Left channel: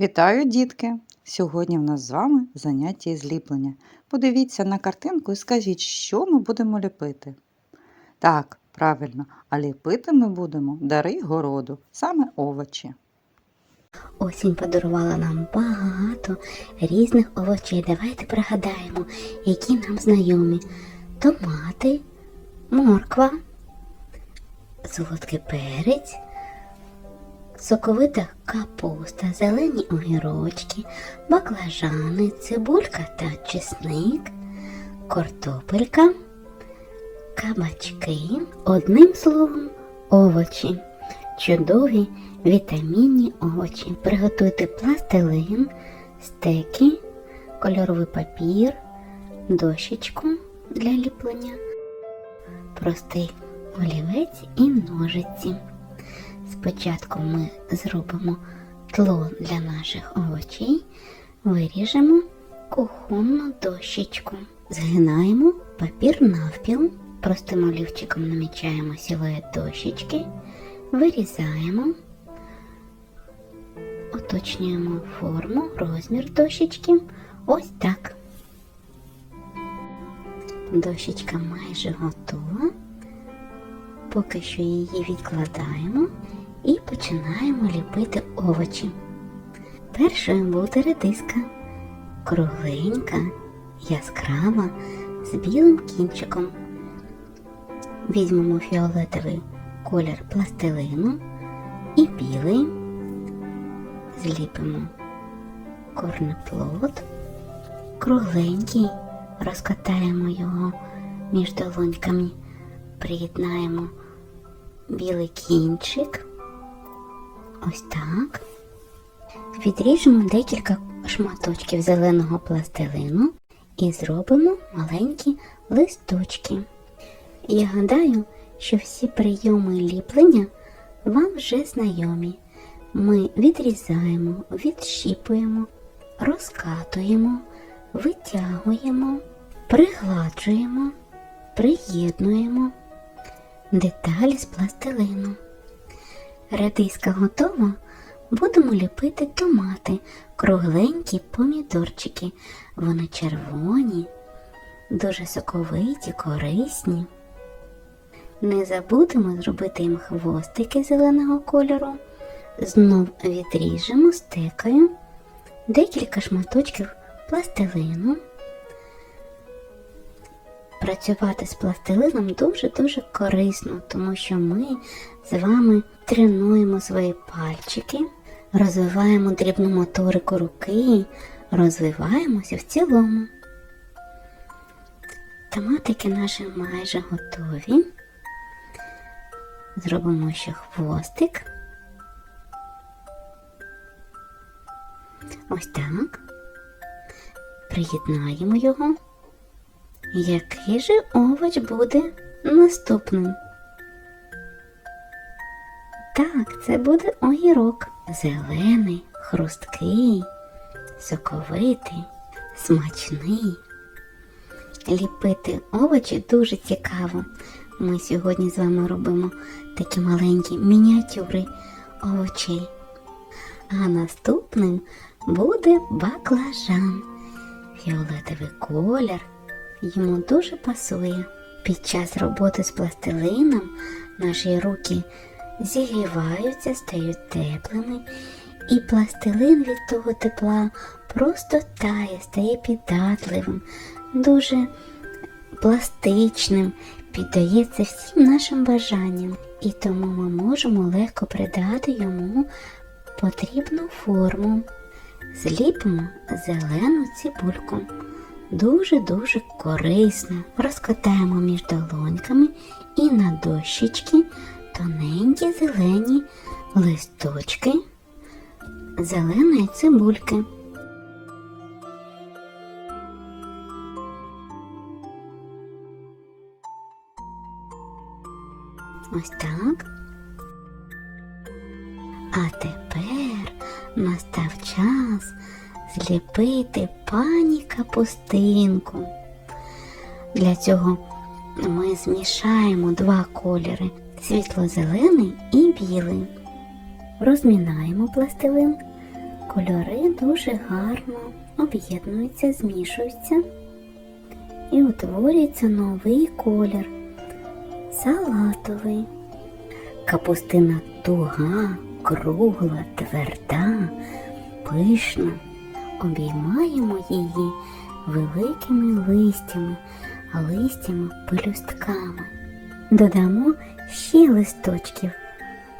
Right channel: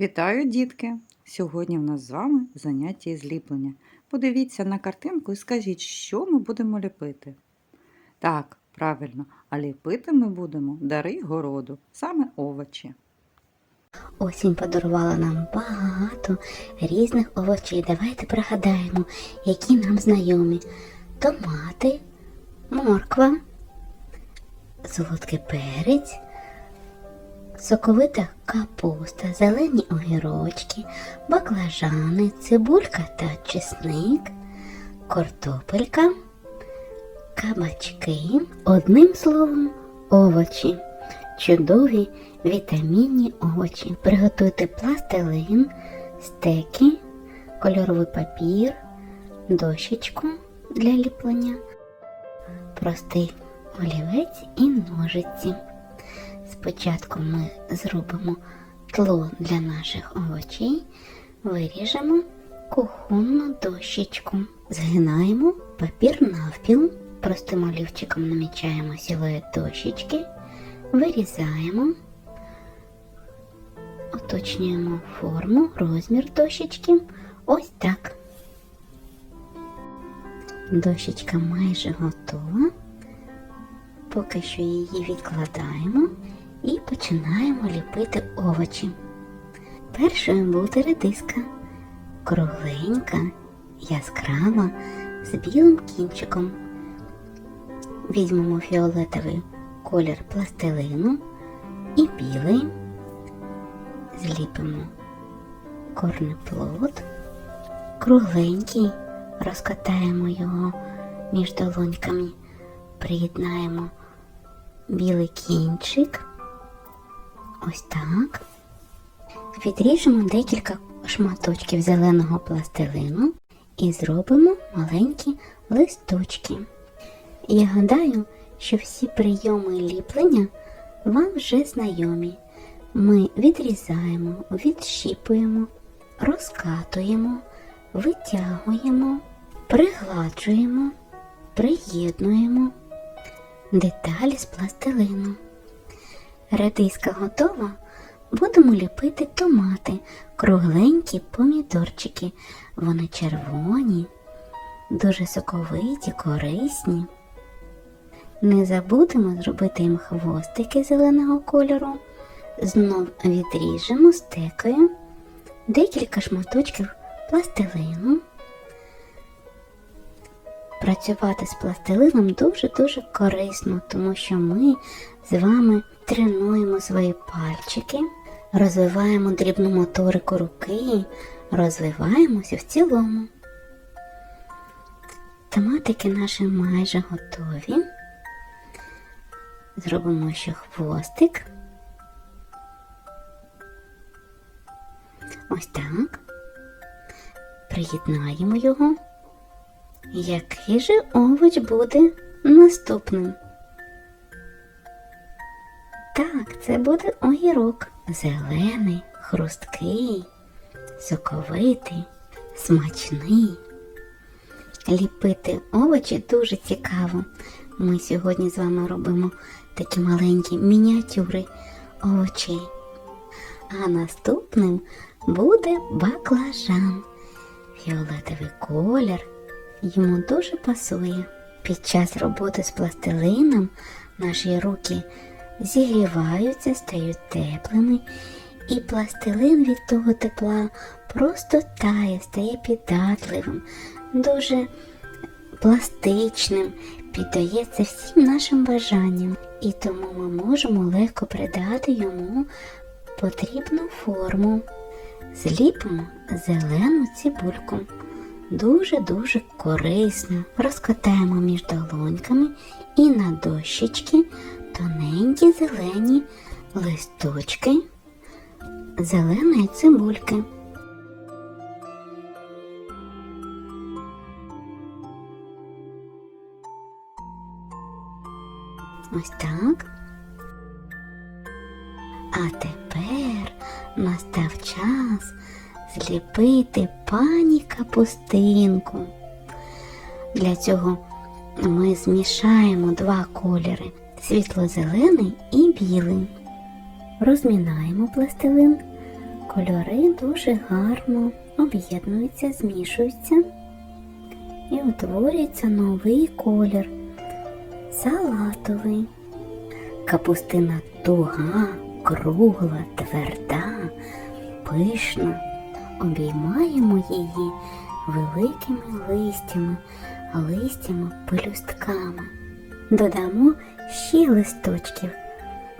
Вітаю, дітки! Сьогодні в нас з вами заняття із ліплення. Подивіться на картинку і скажіть, що ми будемо ліпити. Так, правильно, а ліпити ми будемо дари городу, саме овочі. Осінь подарувала нам багато різних овочей. Давайте пригадаємо, які нам знайомі. Томати, морква, солодкий перець, соковита капуста, зелені огірочки, баклажани, цибулька та чесник, картопелька, кабачки, одним словом, овочі чудові вітамінні овочі. Приготуйте пластилин, стеки, кольоровий папір, дощечку для ліплення, простий олівець і ножиці. Спочатку ми зробимо тло для наших овочей, виріжемо кухонну дощечку, згинаємо папір навпіл, простим олівчиком намічаємо силует дощечки. Вирізаємо, уточнюємо форму, розмір дощечки. Ось так. Дощечка майже готова. Поки що її відкладаємо і починаємо ліпити овочі. Першою буде редиска, кругленька, яскрава, з білим кінчиком. Візьмемо фіолетовий колір пластилину і білий. Зліпимо корнеплод, кругленький, розкатаємо його між долоньками, приєднаємо білий кінчик. Ось так. Відріжемо декілька шматочків зеленого пластилину і зробимо маленькі листочки. Я гадаю, що всі прийоми ліплення вам вже знайомі. Ми відрізаємо, відщіпуємо, розкатуємо, витягуємо, пригладжуємо, приєднуємо деталі з пластилину. Редиска готова. Будемо ліпити томати, кругленькі помідорчики. Вони червоні, дуже соковиті, корисні. Не забудемо зробити їм хвостики зеленого кольору. Знов відріжемо стекою декілька шматочків пластилину. Працювати з пластилином дуже-дуже корисно, тому що ми з вами тренуємо свої пальчики, розвиваємо дрібну моторику руки, розвиваємося в цілому. Томатики наші майже готові. Зробимо ще хвостик. Ось так. Приєднаємо його. Який же овоч буде наступним? Так, це буде огірок. Зелений, хрусткий, соковитий, смачний. Ліпити овочі дуже цікаво. Ми сьогодні з вами робимо такі маленькі мініатюри овочей. А наступним буде баклажан. Фіолетовий колір йому дуже пасує. Під час роботи з пластилином наші руки зігріваються, стають теплими, і пластилин від того тепла просто тає, стає піддатливим, дуже пластичним, піддається всім нашим бажанням, і тому ми можемо легко придати йому потрібну форму. Зліпимо зелену цибульку. Дуже-дуже корисно. Розкатаємо між долоньками і на дощечки тоненькі зелені листочки зеленої цибульки. Ось так. А тепер настав час зліпити пані капустинку. Для цього ми змішаємо два кольори світло-зелений і білий. Розмінаємо пластилин, Кольори дуже гарно об'єднуються, змішуються і утворюється новий колір салатовий. Капустина туга, кругла, тверда, пишна. Обіймаємо її великими листями, листями пелюстками. Додамо ще листочків.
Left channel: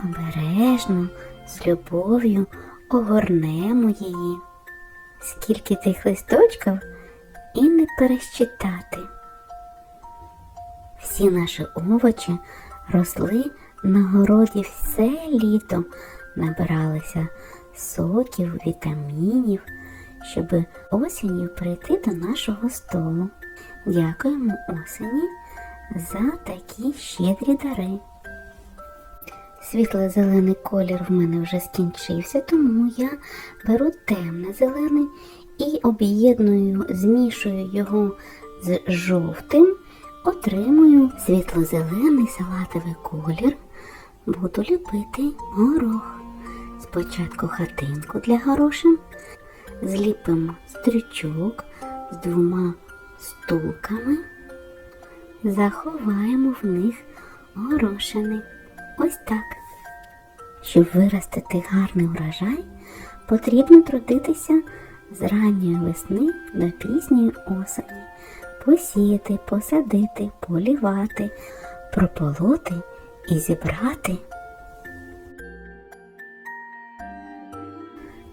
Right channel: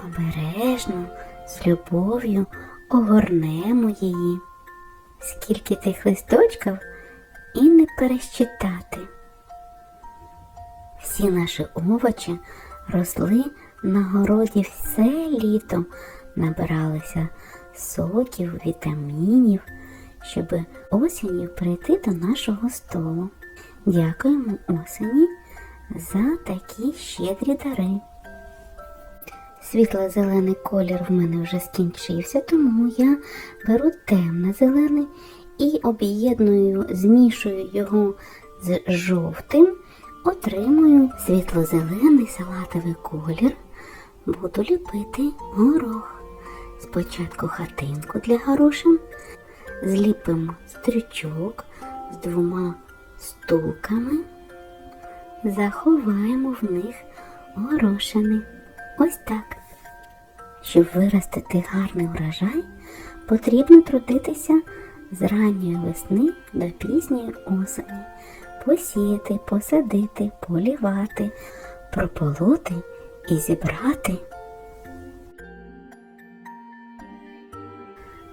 Обережно, з любов'ю огорнемо її. Скільки тих листочків і не пересчитати. Всі наші овочі росли на городі все літо, набиралися соків, вітамінів, щоб осінню прийти до нашого столу. Дякуємо осені за такі щедрі дари. Світло-зелений колір в мене вже скінчився, тому я беру темно-зелений і об'єдную, змішую його з жовтим, отримую світло-зелений салатовий колір. Буду ліпити горох. Спочатку хатинку для горошин, зліпимо стрючок з двома стулками, заховаємо в них горошини. Ось так. Щоб виростити гарний урожай, потрібно трудитися з ранньої весни до пізньої осені, посіяти, посадити, полівати, прополоти і зібрати.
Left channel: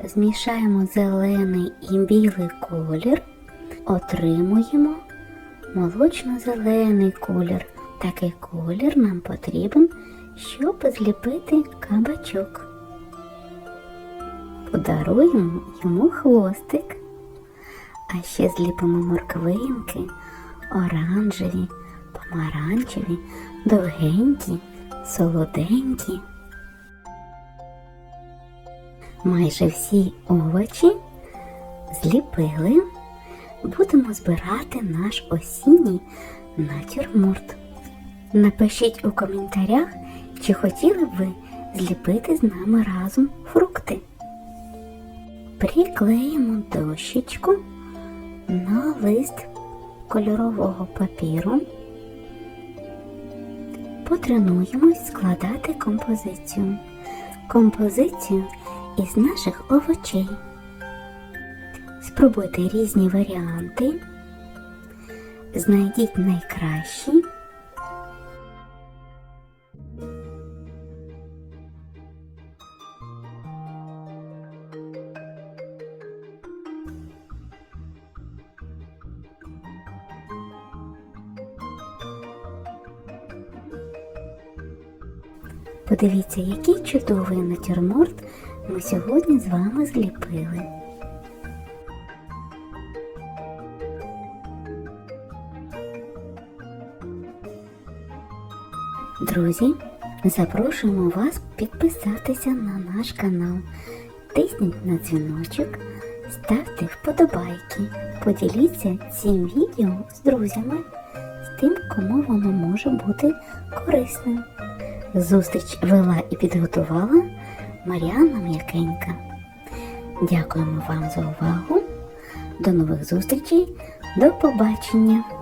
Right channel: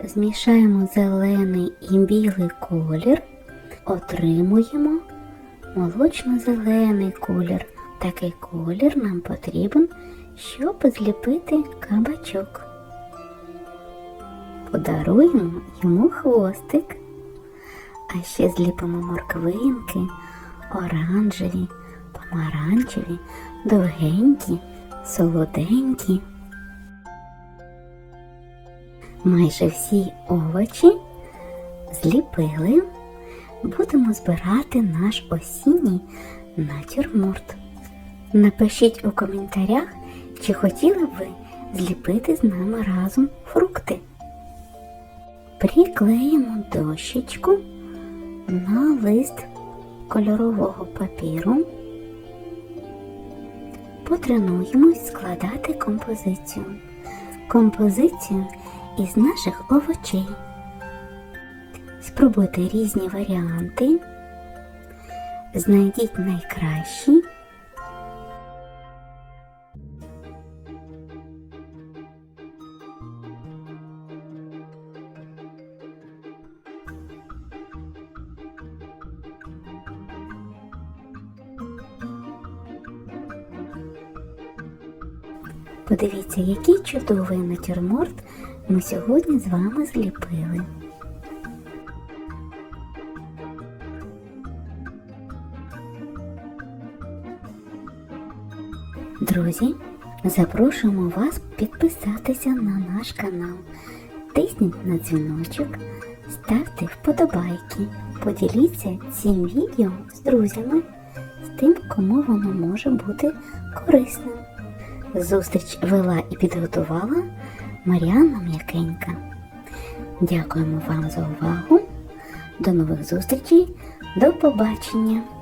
Змішаємо зелений і білий колір, отримуємо молочно-зелений колір. Такий колір нам потрібен, щоб зліпити кабачок. Подаруємо йому хвостик, а ще зліпимо морквинки, оранжеві, помаранчеві, довгенькі, солоденькі. Майже всі овочі зліпили. Будемо збирати наш осінній натюрморт. Напишіть у коментарях, чи хотіли б ви зліпити з нами разом фрукти. Приклеїмо дощечку на лист кольорового папіру. Потренуємось складати композицію. Композицію із наших овочей. Спробуйте різні варіанти. Знайдіть найкращі. Подивіться, який чудовий натюрморт ми сьогодні з вами зліпили. Друзі, запрошуємо вас підписатися на наш канал. Тисніть на дзвіночок, ставте вподобайки, поділіться цим відео з друзями, з тим, кому воно може бути корисним. Зустріч вела і підготувала Мар'яна М'якенька. Дякуємо вам за увагу. До нових зустрічей. До побачення!